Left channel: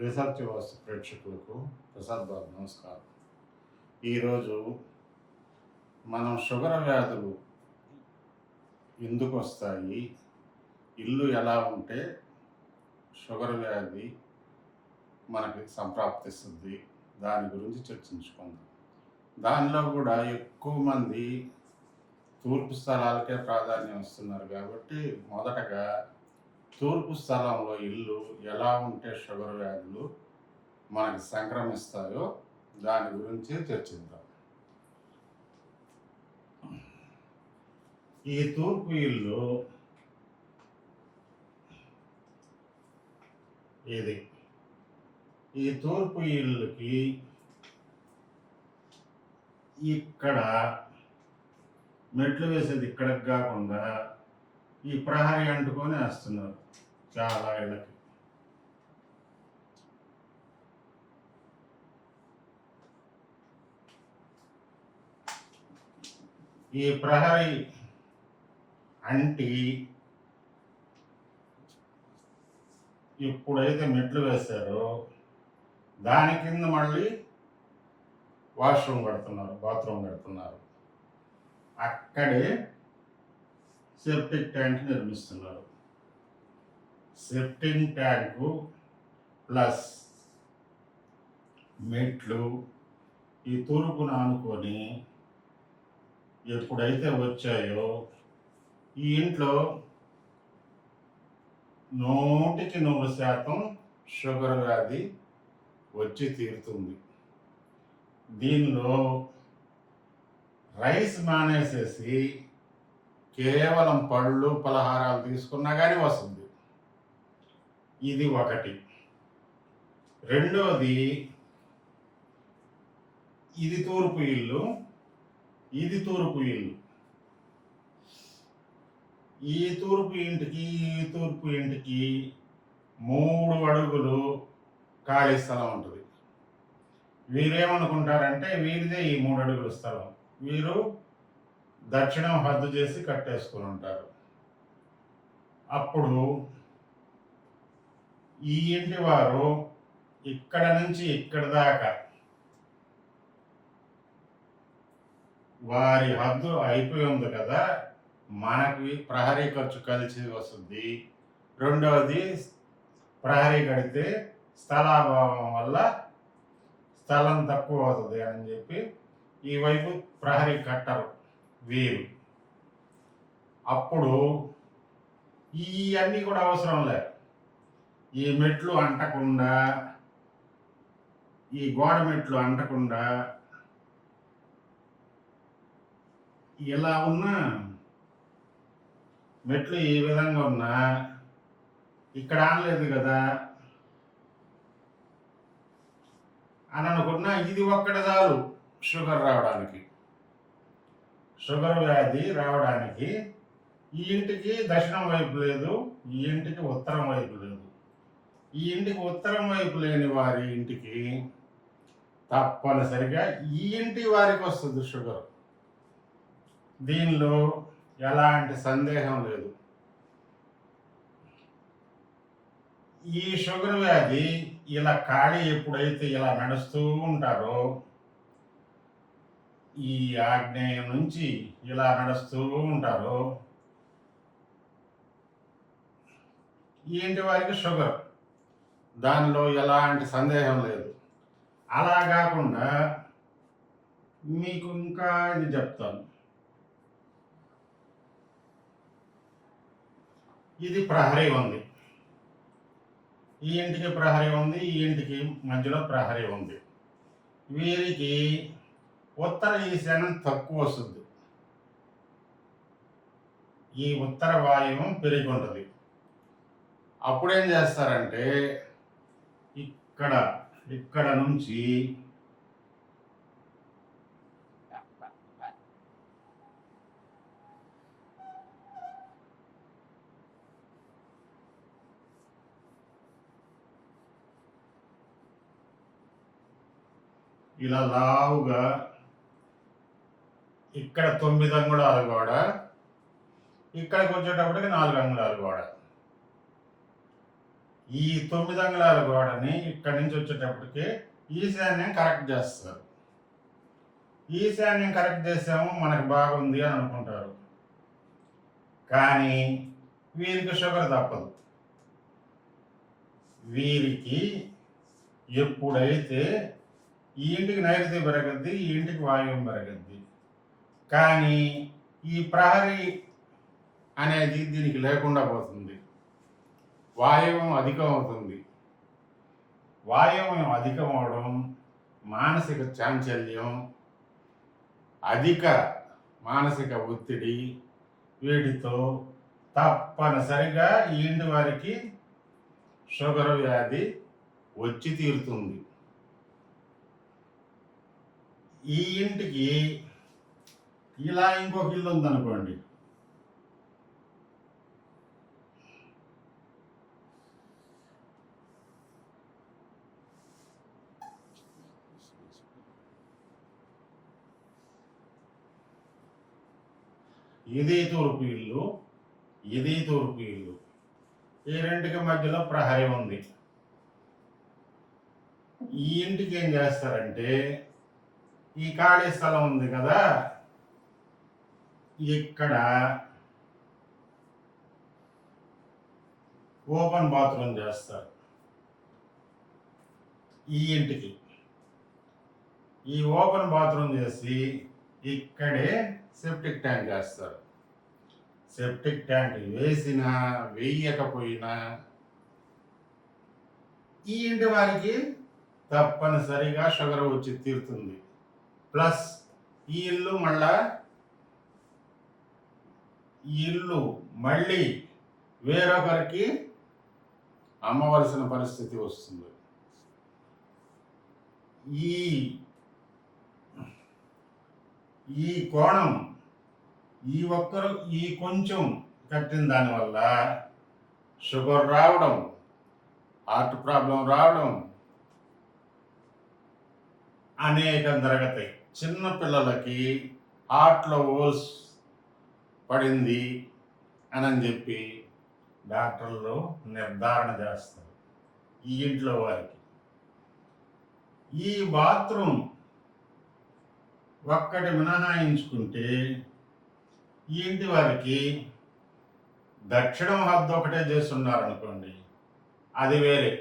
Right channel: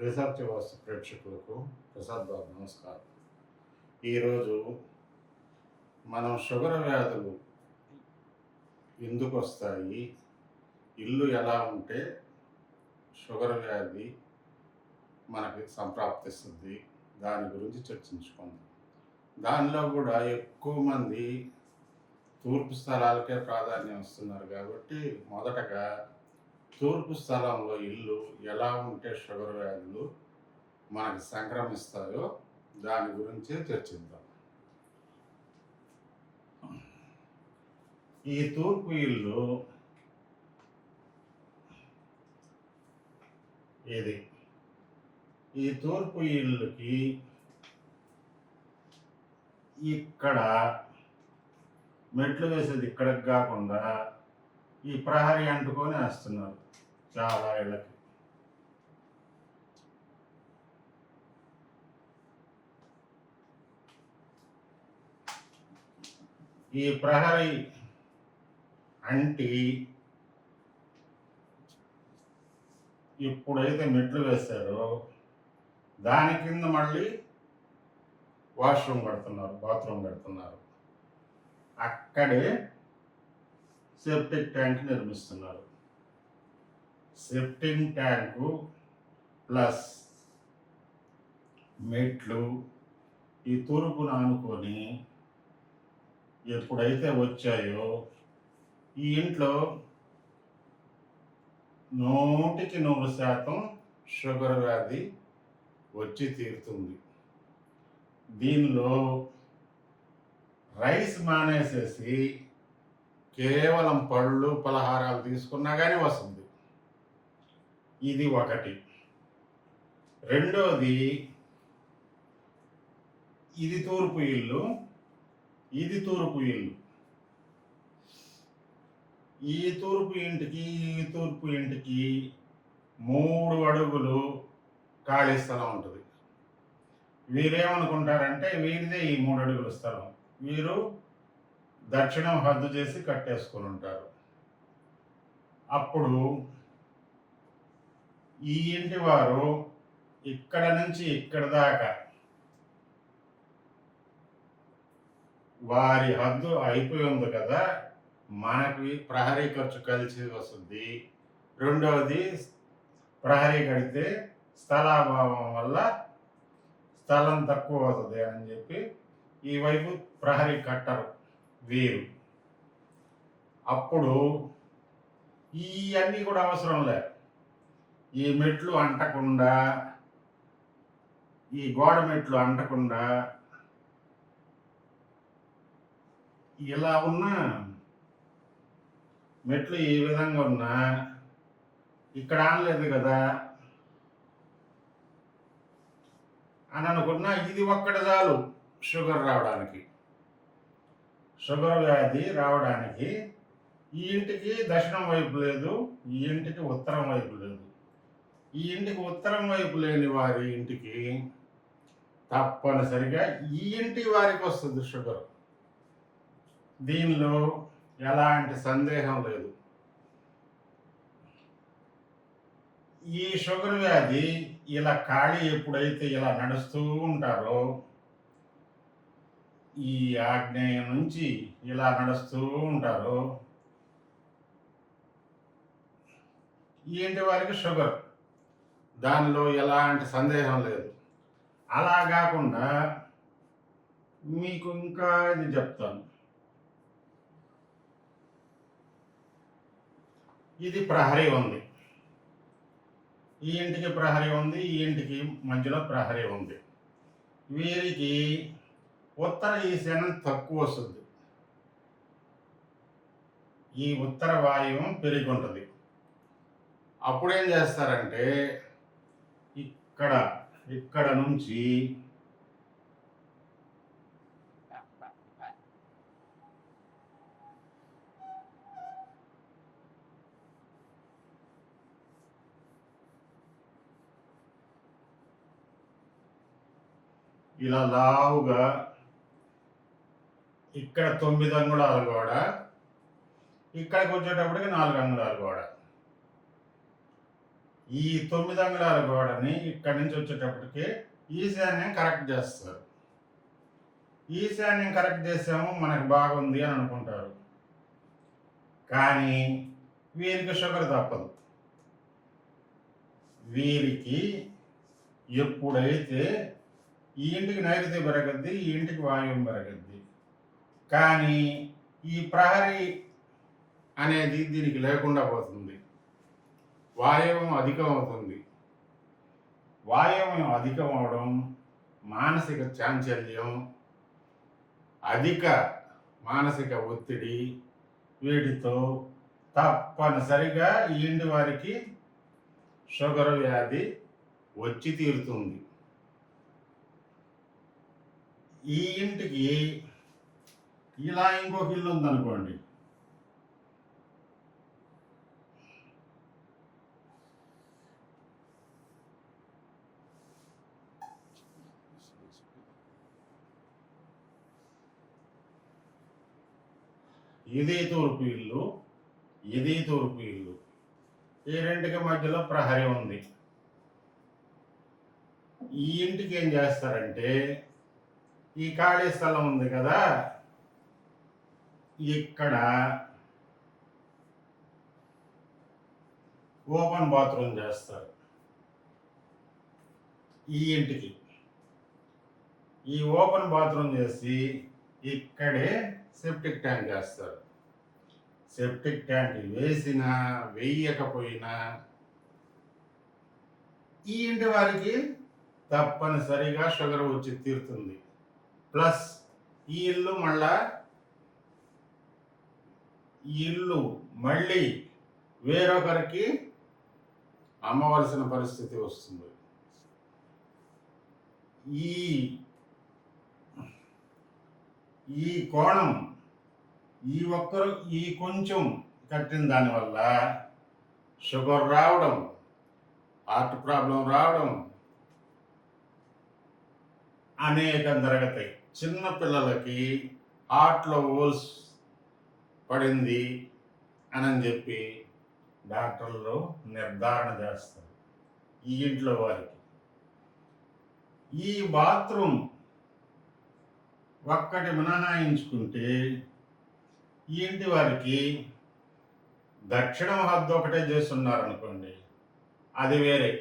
Research వాస్తు ప్రేక్షకులకు ప్రసాద్ బాబు నమస్కారం. ఈరోజు మనం షుగర్ వ్యాధులు ఎందుకు వస్తాయి, ఇల్లు ఎలా ఉంటే షుగర్ వ్యాధి మనకి సంప్రాప్తిస్తుంది, దాని గురించి చర్చించుకుందాం. దానిలో కూడా ఎక్కువ మంది తూర్పు స్థలాలకే ప్రాధాన్యం ఇస్తున్నారు కాబట్టి మొదటగా తూర్పు స్థలంలో ఇల్లు ఎలా ఉంటే షుగర్ వ్యాధులు మనకి సంక్రమిస్తాయో దాని గురించి చర్చిద్దాం. ఈ తూర్పు ఇల్లు ఇది. ఈ తూర్పు ఇల్లుకి ఇక్కడ మెట్లు వేసేది ఇక్కడికి కాకుండా ఈ ప్రహరీ అంటుకొని వేస్తున్నారు చాలా ఇళ్ళకి. ఈ ప్రహరీ అంటి ఇప్పుడైతే మెట్లు వేశారో దాని కింద మళ్ళీ వాష్రూమ్ కడుతున్నారు, బాత్రూమ్ కడుతున్నారు. అక్కడే సెప్టిక్ ట్యాంక్ నిర్మిస్తున్నారు. సెప్టిక్ ట్యాంకు ప్లస్ మెట్లు ఈ తూర్పును ఆనుకొని ఎప్పుడైతే వచ్చాయో ఈ ఇంట్లో 100% షుగర్ వ్యాధి వచ్చి తీరుతుంది. దీనిలో రైస్ మానేసేసి కేవలం పళ్ళు పలహారాలు తీసుకున్నా కానీ వస్తుంది. ఇది ఒకటి. రెండోది, ఇది తూర్పు ఇల్లు, ఇది తూర్పు ఇల్లు. ఈ తూర్పు ఇంటికి ఈ తూర్పు ఇంటికి 3 అడుగులు ఖాళీ స్థలం ఉంటుంది. వీరేమనుకుంటారంటే వీరిదే ఈ 3 అడుగుల స్థలం, వీరు దక్షిణం హద్దు చేసి కట్టేసుకొని ఉంటారు. అప్పుడు ఈ ఇంటి వారు ఇక్కడ నుంచి ఇక్కడ దాకా వారి హద్దు అయిపోయి ఉంది కదా, మనకి ప్రహరీ ఖర్చు కలిసి వస్తుంది. రెండవది, ప్రహరీ కడితే స్థలాభావం వల్ల స్థలం తక్కువ అవుతుంది అని చెప్పి ఈ వైపు ప్రహరీ కట్టరు వీరు. అప్పుడు ఇవన్నీ కూడా అవసరం లేదు. ఈ మెట్లు అంటకుండా, ఈ గోడ మెట్లు అంటకుండా ఇలా ఉన్న మెట్లు ఈ విధంగా ఉన్నా ఇక్కడ ఆనలేదు కదా అని అనుకున్నా, ఇది ఒక్కటి చాలు షుగర్ రావడానికి, షుగర్ వ్యాధి రావడానికి. ఈ ఇంటికి దక్షిణం వైపు లేదు, ఈ ఇంటికి ఉత్తరం వైపు లేదు. ఈ ఇంటికి ఉత్తరం వైపు లేని వారి ఇంటికి తప్పనిసరిగా ఈ ఇంటి వారికి వస్తుంది షుగర్. దీనిలో ఎలాంటి సందేహం లేదు. ఈ షుగర్ వ్యాధి ఇలా ఖాళీ ఎప్పుడైతే ఇలా నడుస్తూ ఉంటారో, ఈ ఆగ్నేయం నుంచి ఇలా నడుస్తూ ఉంటారో ఈ ఇంటి వారికి షుగర్, దానిలో ఎలాంటి సందేహం లేదు. అలా కాకుండా మీకు ఇంకా ఇది చెప్తాను. ఇది ప్రహరీ ఉంది, ఈ ఇంటికి ప్రహరీ ఉంది, ఈ ఇంటికి మధ్యలో ప్రహరీ ఉంది. వీరికి ఉత్తర ఈశాన్యం తక్కువ వస్తుంది, ఈ ఉత్తర వాయువు పెరిగి ఉంటుంది. అప్పుడేం చేస్తారంటే ఇక్కడ నుంచి ఇలా లావుగా ఇక్కడ 9 అంగుళాల గోడ, ఇక్కడికి వచ్చేటప్పటికి 4 అంగుళాల గోడ. ఈ 9 అంగుళాల గోడని ఇక్కడి నుంచి వచ్చేటప్పటికి ఈశాన్యం కరెక్ట్ చేస్తారు. ఈశాన్యం కరెక్ట్ చేసాము మనకు బాగుంది అని అనుకుంటారు, కానీ వీరికి షుగర్ తప్పదు. వీరికి ఎప్పుడైతే ఈ ఇంటికి నైరుతి పెరగద్ది, ఈ ఇంటికి వాయువు పెరగద్ది, కానీ ఈ ప్రహరీ అనేది దీనికి లేకుండా పోతుంది. వాయువం అధికం అవుతుంది. వాయువం అధికం అవడం, మానసిక చాంచల్యం, అధిక మానసిక ఒత్తిడి, వీటితో తప్పనిసరిగా ఈ ఇంటి వారికి షుగర్ వ్యాధి వచ్చి తీరుతుంది. ఈ ఇంటికి ఇలా ఇంకొక ఇల్లు ఉందనుకోండి, ఇది తూర్పు ఇల్లు, ఇది తూర్పు ఇల్లు, ఈ రెండుకి మధ్యలో ప్రహరీ ఉంది. ఈ ఇంటికి ఏం చేస్తారంటే, ఈ ఖాళీ స్థలం ఉంది కదా, ఇక్కడ ఓపెన్ బాత్రూమ్ చేస్తారు. ఈ ఇంటికి ఈ ఓపెన్ బాత్రూమ్ చేసి ఇక్కడే సెప్టిక్ ట్యాంక్ వేస్తారు. సెప్టిక్ ట్యాంక్ వేసినా వేయకపోయినా ఈ ఇంటి వారికి తప్పనిసరిగా షుగర్ వచ్చి తీరుతుంది. ప్లస్ ఈ ఇల్లు మళ్ళీ వేరొకరికి అమ్మవలసిన పరిస్థితి వస్తుంది. ఈ కోణం ఈ కొంచెం కట్టిన దానివల్ల షుగర్ రావడం, హార్ట్ ప్రాబ్లం రావడం అనేకం జరుగుతాయి. చిన్న పిల్లలకి హార్ట్లో హోల్స్ పడింది అని చెప్పి డాక్టర్లు నిర్ధారణ చేస్తారు ఈ ఇంట్లో వారికి. ఈ బాత్రూమ్ ఒక్కటి మినహాయించుకుంటే ఈ ఇంటి వారికి దక్షిణం హద్దు ఒకటే చేస్తున్నారనుకోండి, అది వేరే.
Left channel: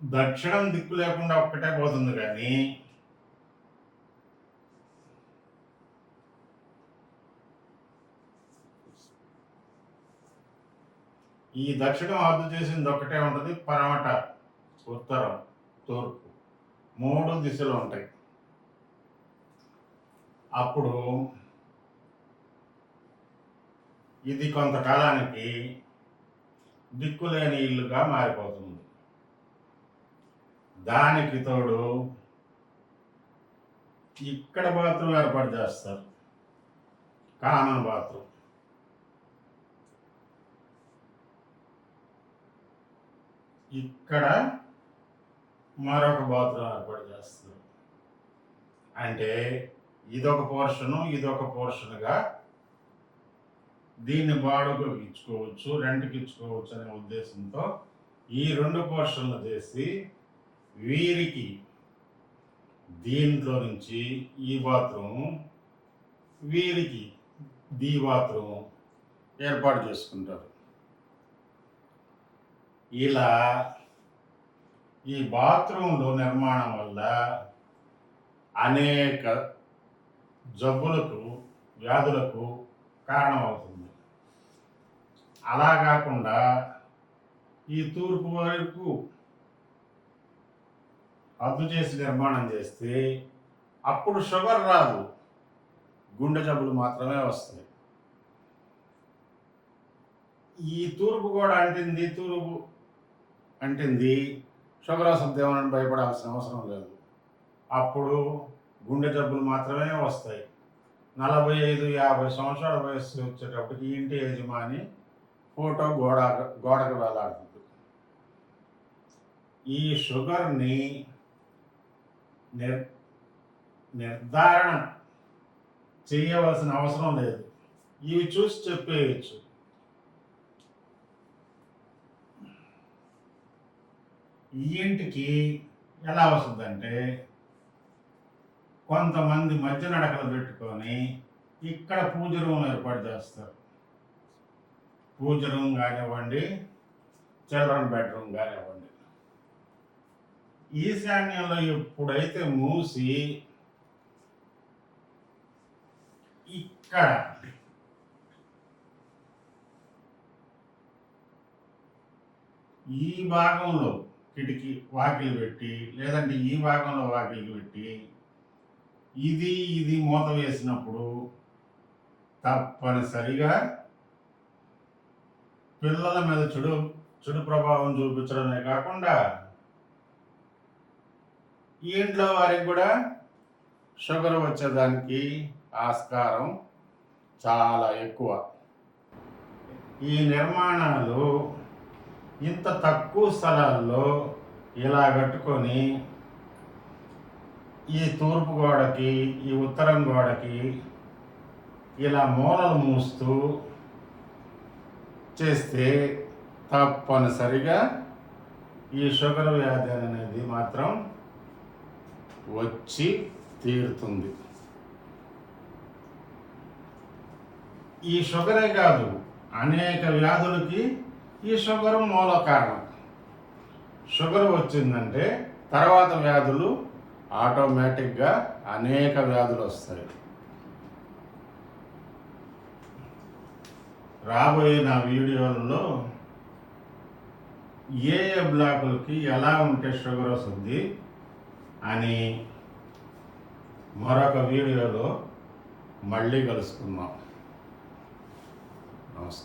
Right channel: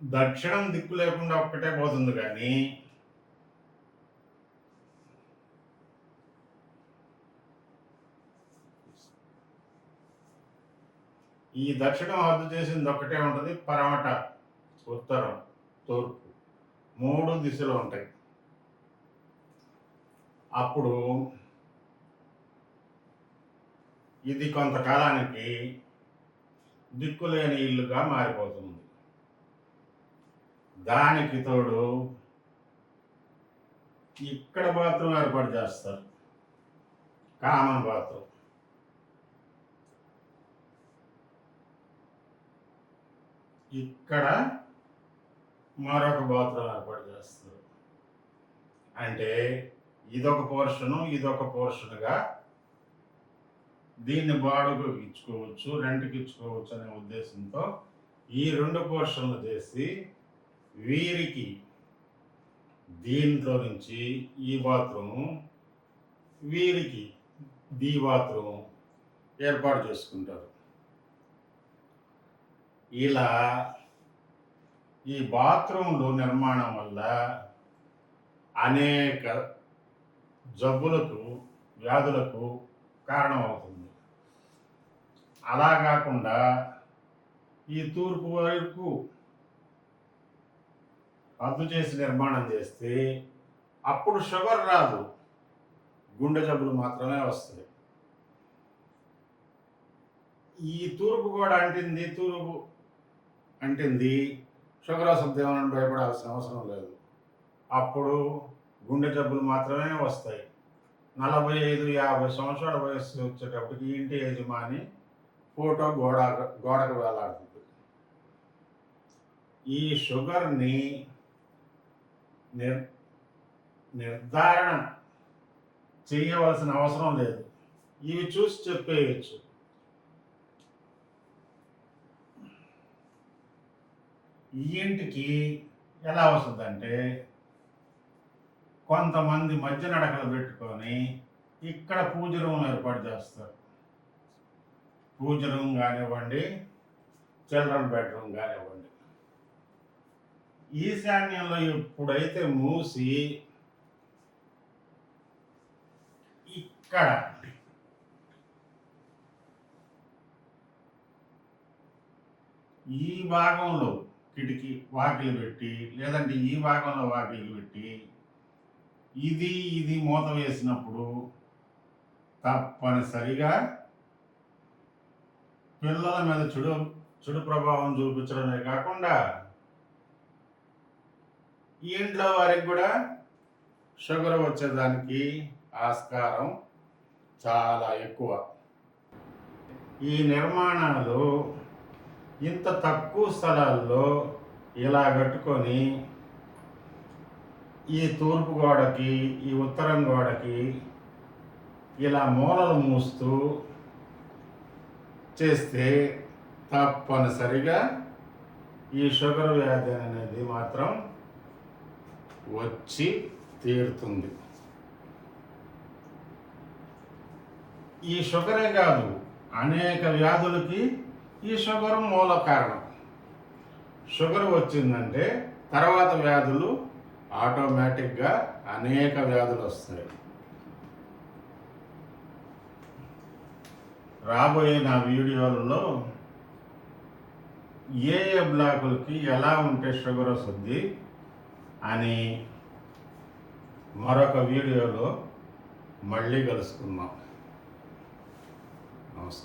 దక్షిణం దిక్కు లేకుండా ఒక్కటే పోతుంది, కానీ ఈ దక్షిణం హద్దు చేసింది ఒక్కటే ఉంటుంది. పరమట, ఉత్తరం, తూర్పు 3 దిశలు ఉంటాయి. అప్పుడు ఇది కొంతకాలానికి దిక్కులేని ఇల్లుగా మారిపోతుంది. దానికి తోడు ఇక్కడ బాత్రూమ్ ఏర్పాటు చేస్తారు, కామన్ బాత్రూమ్. ఇక్కడ మరొక బాత్రూమ్ ఏర్పాటు చేస్తారు. అంటే ఇదొక పోర్షను, ఇదొక పోర్షన్గా దీన్ని బాడుగకు ఇచ్చుకోవచ్చు, రెంట్కి ఇచ్చుకోవచ్చు అనే ఉద్దేశంతో ఈ 2 పోర్షన్లు చేసి వీరికి దీంట్లో నుంచి ఈ బాత్రూమ్, వీరికి ది బాత్రూమ్ ఏర్పాటు చేసుకుంటారు. ఇలా ఈ బాత్రూంలో నిర్మాణం వల్ల అనేక జబ్బులకు, వ్యాధులకు కారణమవుతుంది. అలా కాకుండా ఈ తూర్పు వైపు హద్దు చేసి నిర్మాణం చేస్తే అప్పుడు షుగర్ రాదు, గుండె జబ్బులు మాత్రమే వస్తాయి. ఈ తూర్పు కూడా అంటింది షుగర్ వస్తుంది ఏమని భయపడాల్సిన అవసరం లేదు. అప్పుడు గుండె జబ్బులు మాత్రమే వస్తాయి. 45-50 సంవత్సరాల వయస్సు వచ్చేటప్పటికి ఇంటి యజమాని ఫోటో గోడకు వేలాడుతుంది. ఈ షుగర్ని నిర్ధారణ చేయవలసిన అవసరం లేదు, ఇవి చూసి చెప్పేయచ్చు. ఈ ఇంటికి ఎలా వస్తుందంటే, కొంతమంది మధ్య నడకలు పెట్టుకొని ఇక్కడ పూజ రూమ్ ఏర్పాటు చేస్తారు. పూజ రూమ్ కానివ్వండి, చిల్డ్రన్ బెడ్రూమ్ కానివ్వండి. ఈశాన్యంలో ఎప్పుడైతే మూసి ఇక్కడ ఈ భాగంలో కిటికీ వాకిలి పెట్టి, లేదంటే ఈ భాగంలో వాకిలి పెట్టి, ఇది మూత వేసినప్పుడు తప్పనిసరిగా పిల్లల మీద చెడు ప్రభావం చూపించడమే కాకుండా ఈ ఇంట్లో వారికి కూడా షుగర్ వచ్చేదానికి ఆస్కారం చాలా ఎక్కువ. ఈ నిర్మాణాలు ఇంత తక్కువ స్థలాల్లో ఇలా కట్టుకొని ఈ తూర్పు గోడకి, ఈ ఉత్తరం గోడకి ఇలా మూలలు మూస్తూ చేస్తే తప్పనిసరిగా ఈ షుగర్ వ్యాధి అనేది మాత్రం వచ్చి తీరుతుంది. ఈ షుగరే కాదు, అనేక వ్యాధులకి ఈ షుగర్ మూల కారణం. షుగర్ వచ్చిందంటే తర్వాత వ్యాధులు ఆటోమేటిక్గా అనేక వ్యాధులు వస్తాయి. రాబోయే నా వీడియోలలో ఏ బ్లాకులకి ఎలా ఉంటే షుగర్ వస్తుంది అని మరొక వీడియోలో మళ్ళీ కలుసుకుందాం. నమస్కారం.